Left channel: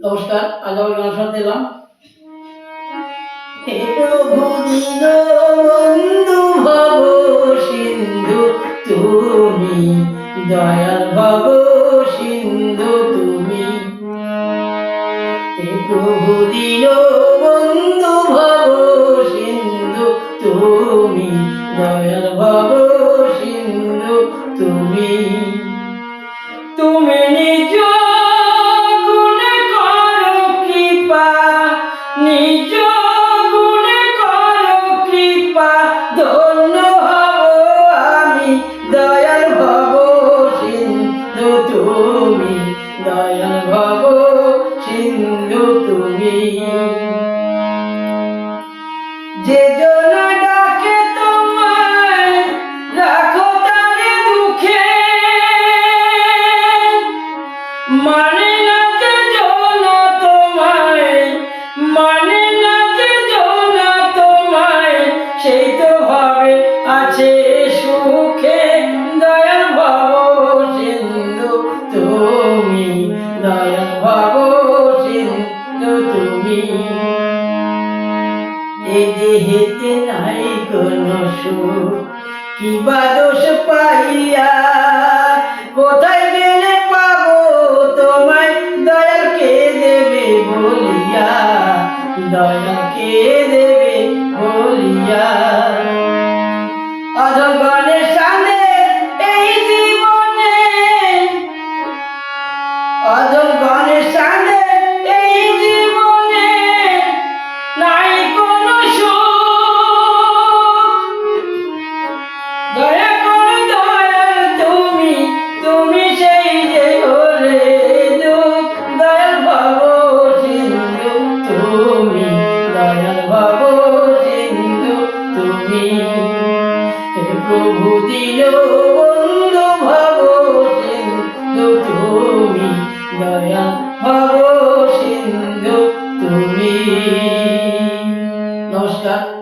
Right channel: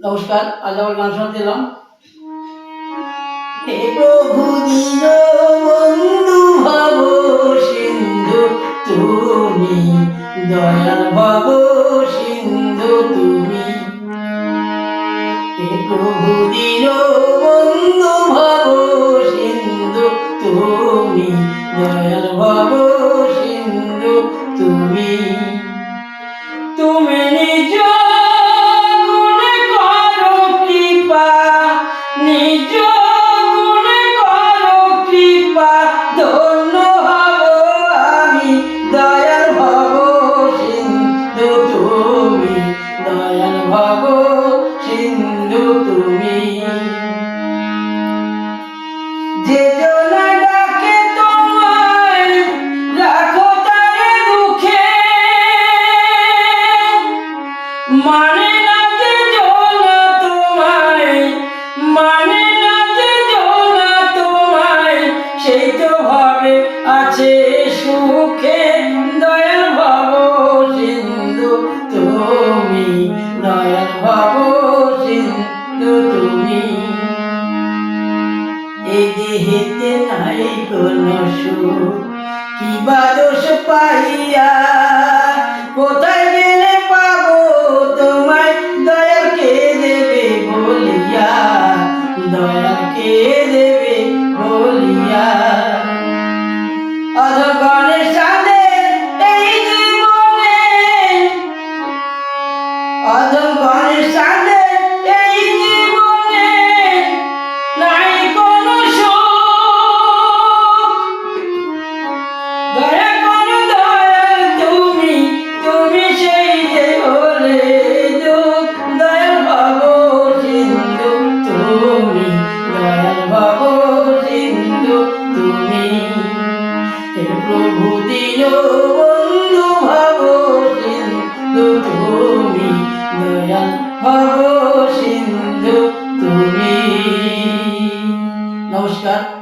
নমস্কার, আজ আবার গান শোনাতে এলাম। তুমি দয়াল, ভব সিন্ধু, তুমি। হে প্রভু দীন বন্ধু, ভব সিন্ধু, তুমি দয়াল সিন্ধু, তুমি। ভব সিন্ধু দেহেতে নাই কোনো সুখ। কি বা দোষ পাইয়া কোথায় প্রভু দিন বন্ধু ভাব সিন্ধু তুমি দয়া ভব সিন্ধু তুমি। নমস্কার।